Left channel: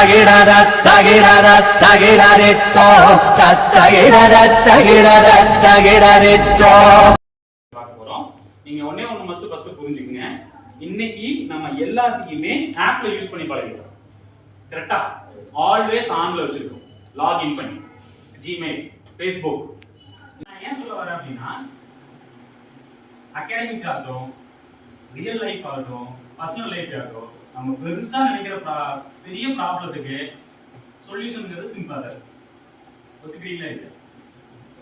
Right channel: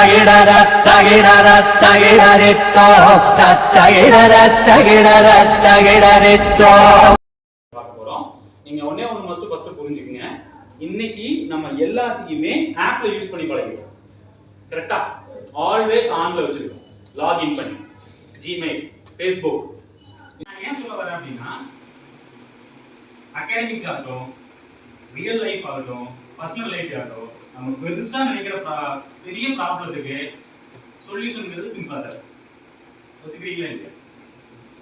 தகிடத தகிடத தகிடரித்தோ தகிடத தகிடத தகிடரித்தோ. பார்க்க போறோம். நீங்க ஒண்ணே ஒண்ணு ஃபர்ஸ்ட் புரிஞ்சுக்கங்க. இன்னைக்கு நம்ம எல்லாத்தையுமே ஆப்ல யூஸ் பண்ணி பழகிட்டோம். கரெக்ட்டா? ஆல்வேஸ் ஆன்ல வச்சிருக்கோம். லாகின் பண்ணி ஜிமெயில், ஃபேஸ்புக். நான் ஏன் சொல்ல வரேன் அப்படின்னா அகாடமிக் ஆகட்டும், ரியல் லைஃப் ஆகட்டும், பர்சனல் லைஃப் ஆகட்டும், நம்ம பெருசா நினைக்கிற பெரிய ப்ராப்ளத்துக்கு சொல்யூஷன்ங்கிறது சிம்பிளா தான். ஒத்துக்கிறீங்களா இல்லையா?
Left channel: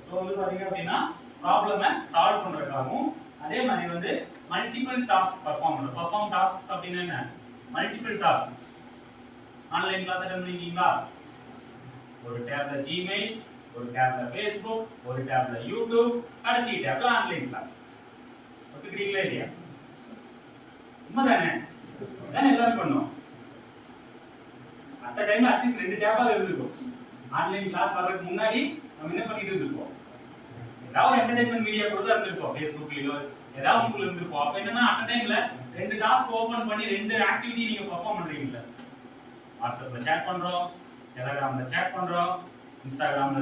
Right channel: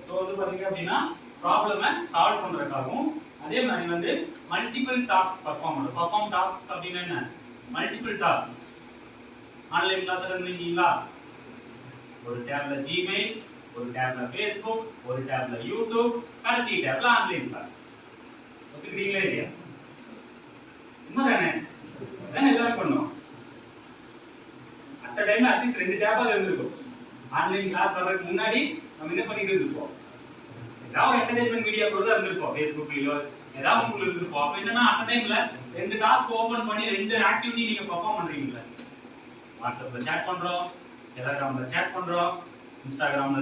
ஸோ பாத்தீங்க அப்படின்னா ப்ராப்ளமை சால்வ் பண்றதுக்காகவும் அதே மாதிரி மல்டிபிள் டாஸ்க் பர்ஃபார்ம் டாஸ்க்ஸ் அப்படின்னா என்ன? Multiple task. Online class attend பண்ணிருக்கீங்களா? ஒரு டேப்ல ஜிமெயில், ஒரு டேப்ல ஃபேஸ்புக், ஒரு டேப்ல யூடியூப், கடைசி டேப்ல ஆன்லைன் கிளாஸ். ஒத்துக்கிறீங்களா இல்லையா? உண்மைதானே? எல்லாரும் பண்ணோம். அட் டைம்ல அட்லீஸ்ட் 2 டேப்பாவது இருந்திருக்கும். ஆன்லைன் கிளாஸ் வர்றதுக்கு முன்னாடி நம்ம என்ன பண்ணிட்டு இருந்திருப்போம்? ஏதாவது என்டர்டைன்மெண்ட் வீடியோ கூட இருந்திருப்போம். ஃபேஸ்புக்லயோ ஏதாவது உங்களுக்கு இருந்திருப்போம். அப்ப என்னன்னா அட் டைம்ல 2 டாஸ்க் ஓபன் பண்ணி 2 ஆக்டிவிட்டி நீங்க பெர்ஃபார்ம் பண்றீங்கல்ல. வாட்ஸ்அப்ல chat பண்றோம், டெலிகிராம்ல chat பண்றோம், இன்ஸ்டாகிராம்ல